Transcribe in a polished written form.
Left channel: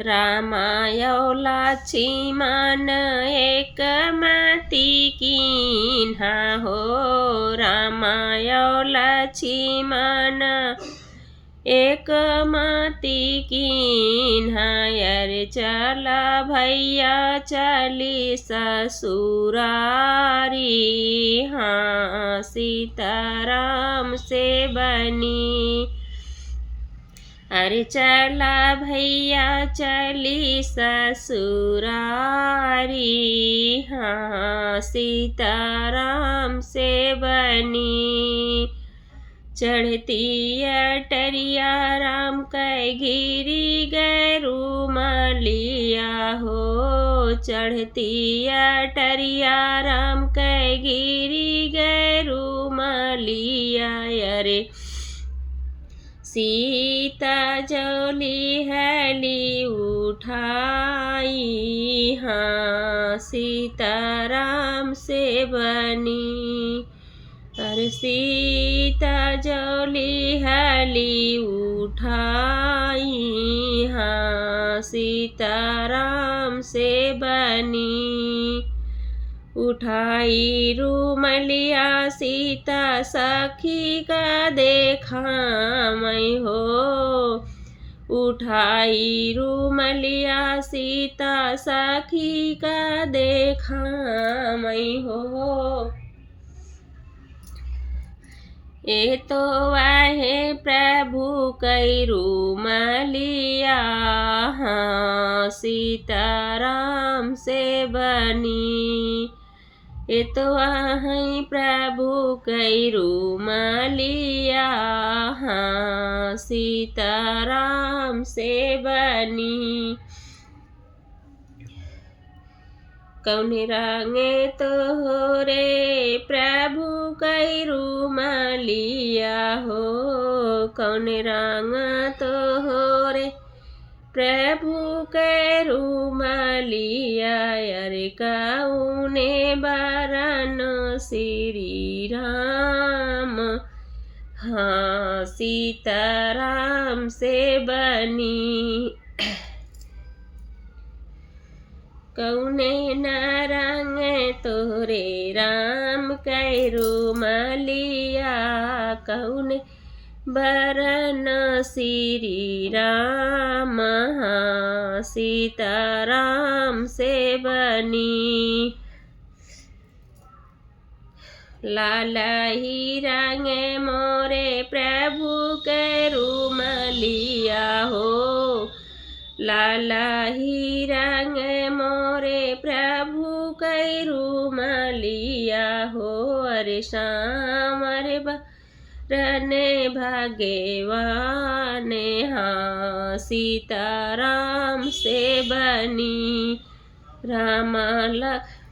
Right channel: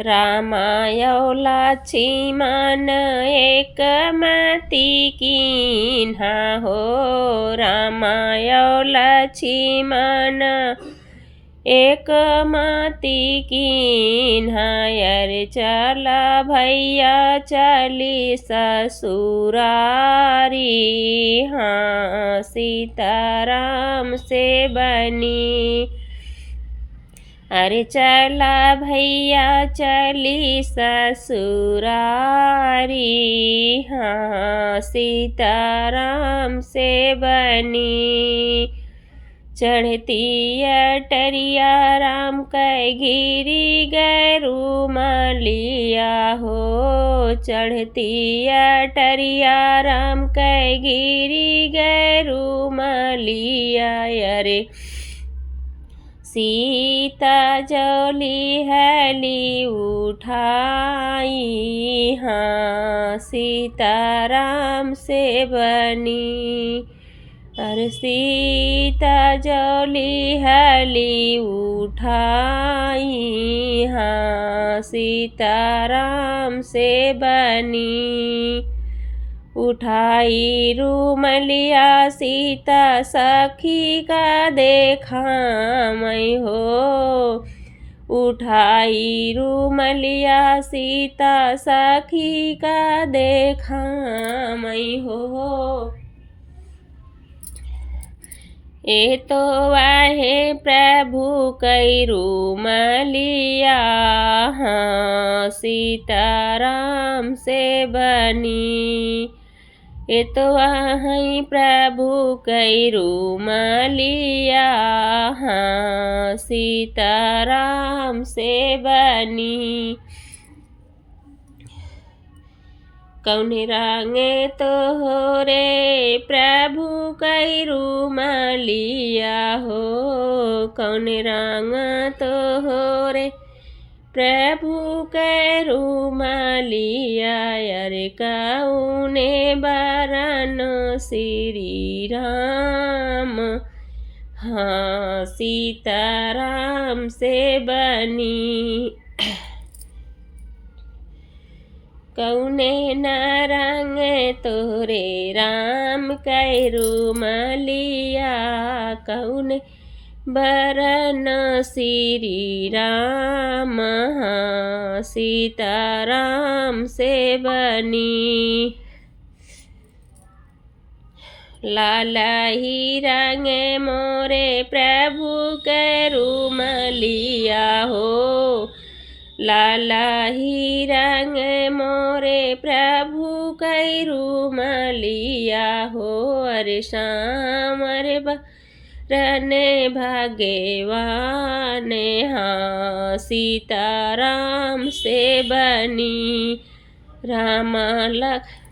रामायौला लक्ष्मण एक मति कीन्हा हो। रामायौला लक्ष्मण एक मति कीन्हा। अरे चला भैया चली ससुरारी। हाँ सीताराम से बनी। अरे चला भैया चली ससुरारी। हाँ सीताराम से बनी। चढ़ती अटरिया राम कै गिरी गैरू मलिया हो। चढ़ती अटरिया राम कै गिरी गैरू मलिया। अरे सीता जौली हैली उठाई। हाँ सीताराम से बनी। अरे सीता जौली हैली उठाई। हाँ सीताराम से बनी। उठाई रूमलिया सीता सखी का देखा मैं हो। उठाई रूमलिया सीता सखी का देखा मैं हो। ए तो वाहे प्रभु कई रूमलिया। हाँ सीताराम से बनी। ए तो वहीं प्रभु कई रूमलिया। हाँ सीताराम से बनी। कौन रंगे तो हो रे प्रभु कई रूमलिया हो। कौन रंग तो हो रे प्रभु कै रूमलिया। अरे कौने बरन श्री राम। हाँ सीताराम से बनी। कौने न रंग तोरे राम कै रूमलिया। कौने बरन श्री राम। हाँ सीताराम से बनी। लाला ही रंग मोरे प्रभु कै रूमलिया हो। लाला ही रंग मोरे प्रभु कै रूमलिया हो। अरे श्याम अरे रने भाग्यवान। हाँ सीताराम से बनी। राम लक्ष्मण